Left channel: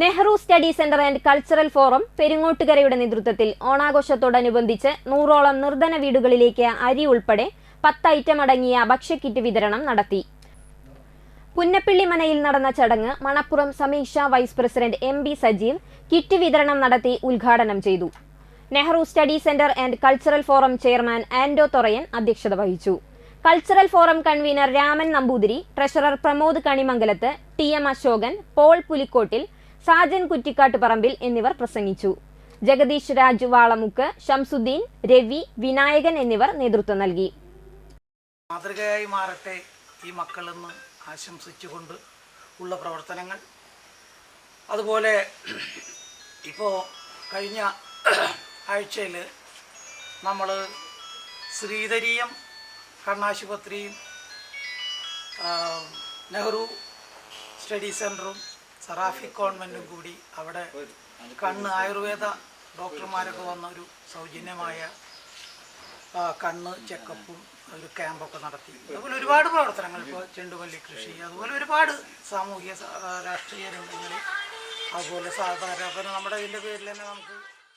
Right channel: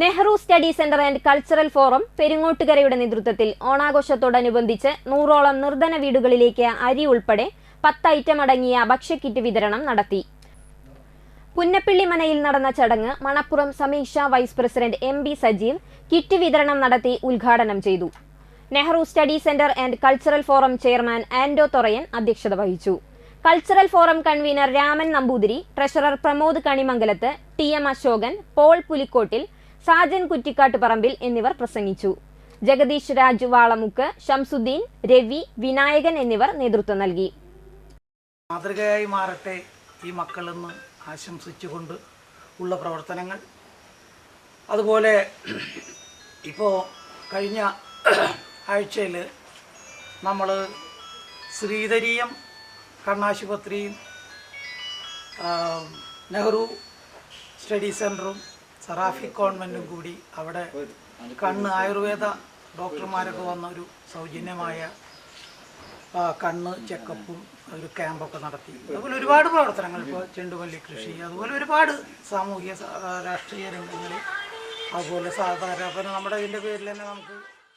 Nehru study centre and cultural forum പെരുങ്ങോട്ടുകരയുടെ നേതൃത്വത്തിൽ ഓണാഘോഷത്തോടനുബന്ധിച്ച് നൂറോളം നിർധന വീടുകളിലേക്ക് അരി ഉൾപ്പെടെ പത്ത് ഐറ്റം അടങ്ങിയ ഭക്ഷ്യക്കിറ്റ് വിതരണം നടത്തി. പുന്നപ്പിള്ളി മനയിൽ നടന്ന ചടങ്ങ് Manappuram Sameeksha vice president M B Sajeev kit വിതരണം നടത്തി ഉദ്ഘാടനം ചെയ്തു. Nehru study centre and cultural forum chairman Ando Thorayan അധ്യക്ഷത വഹിച്ചു. Cultural forum convener Raman Namboothiri treasurer Pramod Kanimangalath T M Ashokan Paul Pulikottil Sajan Kuttikkatt Parambil എന്നിവർ പ്രസംഗിച്ചു. ജഗദീഷ് രാജു വാളമുക്ക് ഷംസുദ്ദീൻ രവി വിനായകൻ എന്നിവർ നേതൃത്വം നൽകി. മാതൃകയായി മാറട്ടെ ഈ മക്കളെന്ന് ആശംസിച്ചുകൊണ്ട് ഉള്ള പ്രവർത്തനങ്ങൾ. അതുപോലെ ഇപ്പോൾ കഴിഞ്ഞ ആഴ്ചയിൽ നമ്മൾ ശ്രീധരീയം കണ്ണാശുപത്രിയും നെഹ്റു സ്റ്റഡി സെന്ററും സറാഫി കോൺവെന്റും കൂടി അവിടെ കണ്ണ് ആയുർവേദ ഡോക്ടർമാരൊക്കെ വന്ന ഒരു സൗജന്യമായ കണ്ണ് ചെക്കപ്പും ഒരു ക്യാമ്പൊക്കെ നടത്തി. അതുപോലെ ഒരുപാട് പ്രവർത്തനങ്ങൾ ഇപ്പോൾ ചെണ്ടുമല്ലി കൃഷി അതുപോലെ ഒരുപാട് സാമൂഹിക സ- രാഷ്ട്രീയ രംഗങ്ങളിൽ അതുപോലെ സാധാരണ നമ്മുടെ ഇതിന്റെ പേരിൽ തന്നെ നമുക്ക്